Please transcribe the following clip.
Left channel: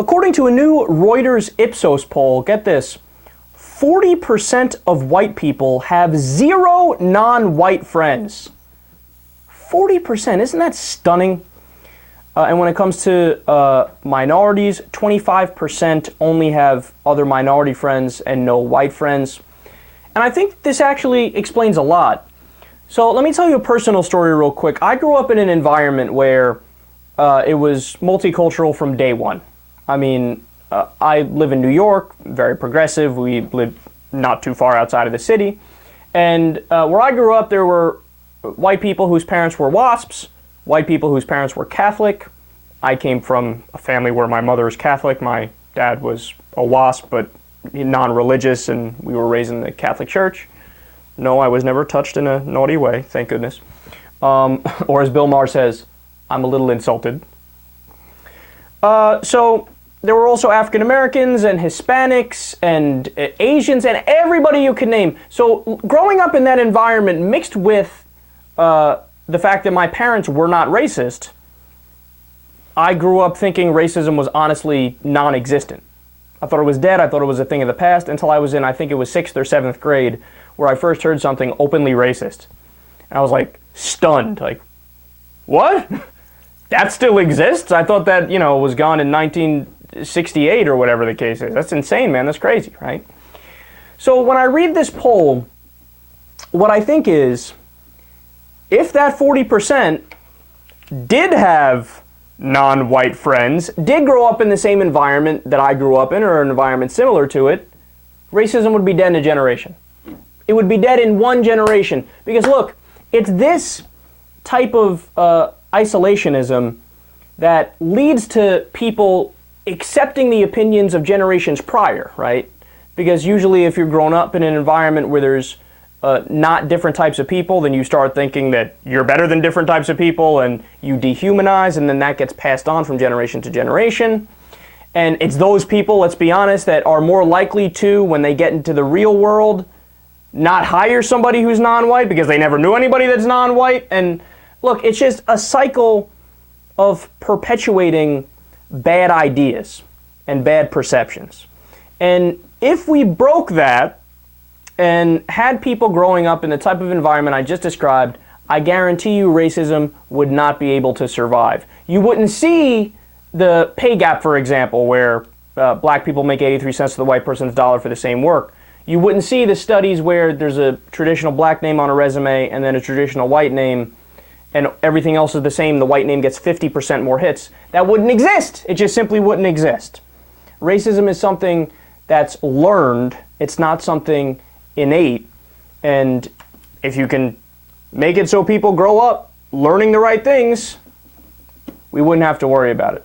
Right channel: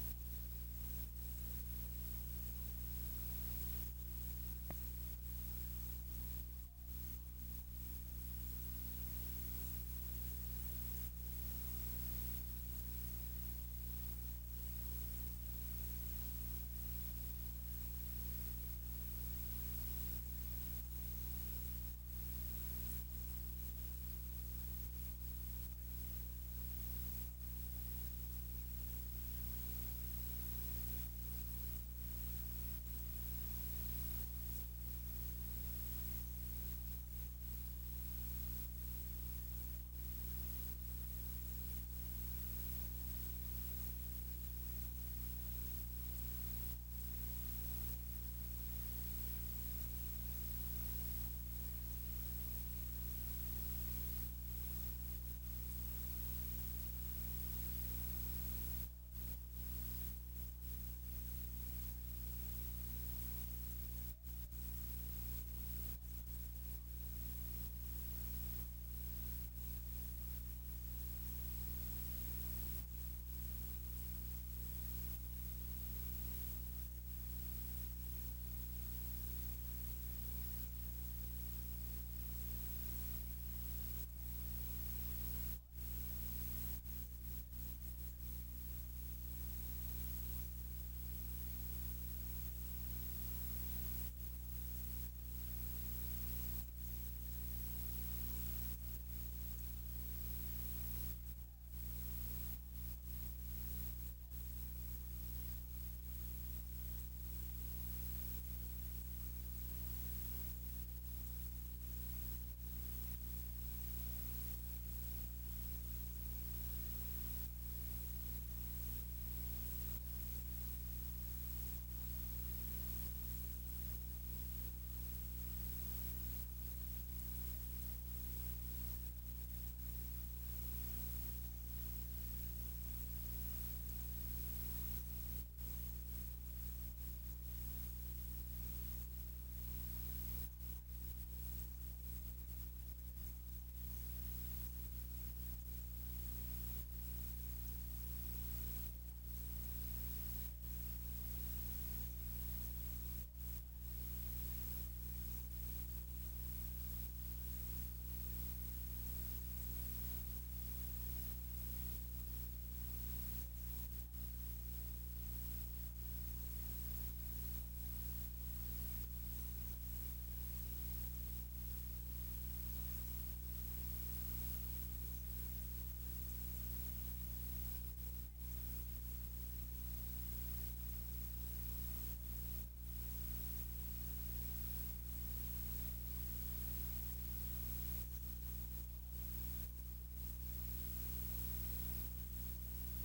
According to a new Reuters Ipsos poll, get this, 40% of white people have zero non-white friends. 40%, isn't that stunning? And when it comes to minorities, 25% only have other minority friends and no white friends. And I think this actually explains a lot. So let me tell you a personal story real quick. I grew up in an environment where it was multicultural from day one. I mean, I live in New York, very progressive. We live not too far outside of the city. And where I grew up, there were white people whose parents were WASPs, white people whose parents were Catholic. I came from a family where my mother was Catholic, my dad was a WASP, but non-religious, and we were raised in the Catholic Church. No, I was never touched in a naughty way, thank goodness. Or as Bill Maher says, I'm a little insulted. So there were also African Americans and Hispanics and Asians and everybody you could name. So growing up in that environment mixed with the fact that my parents were not racist, I grew up thinking racism was honestly non-existent. I thought it was dead, I thought it was a thing of the past, until I was in, I think it was 6th or 7th grade, where I first heard something openly racist. And I was like, stunned, like, what? That still exists? I thought that, was gone in 1968 or whatever the case is. That's insane, man, that's crazy, right? So when I read this poll, what I think is, if that 40% did have non-white friends, did grow up in the same environment that I grew up in, or an environment similar to it, racism would be dead in a generation. It would be dead in one generation. Because look, it's this type of isolationism that leads to people accepting the opinions of generations prior, right? Because usually if you're grown up in an environment where there's not different types of people, then you start thinking that you're better than different types of people, and you dehumanize, and then that gets passed on from generation to generation. And it's those people, let's be honest, that are more likely to, when they get into the real world, not hire somebody who's non-white because they never knew anybody that's non-white. And look, it's just a cycle of perpetuating bad ideas and bad perceptions. And if we broke that, and had people growing up in the type of environment I just described, I guarantee you racism would not be able to survive. You wouldn't see the pay gap, for example, where black people make 83 cents to the white person's dollar for the same work. You wouldn't see the studies where there's a traditional black name on a resume and then a traditional white name, and everything else is the same. The white name gets 50% more hits. That wouldn't exist. It just simply wouldn't exist. Racism is something that's learned. It's not something innate, and if you can make it so people grow up learning the right things, we wouldn't have to worry about it.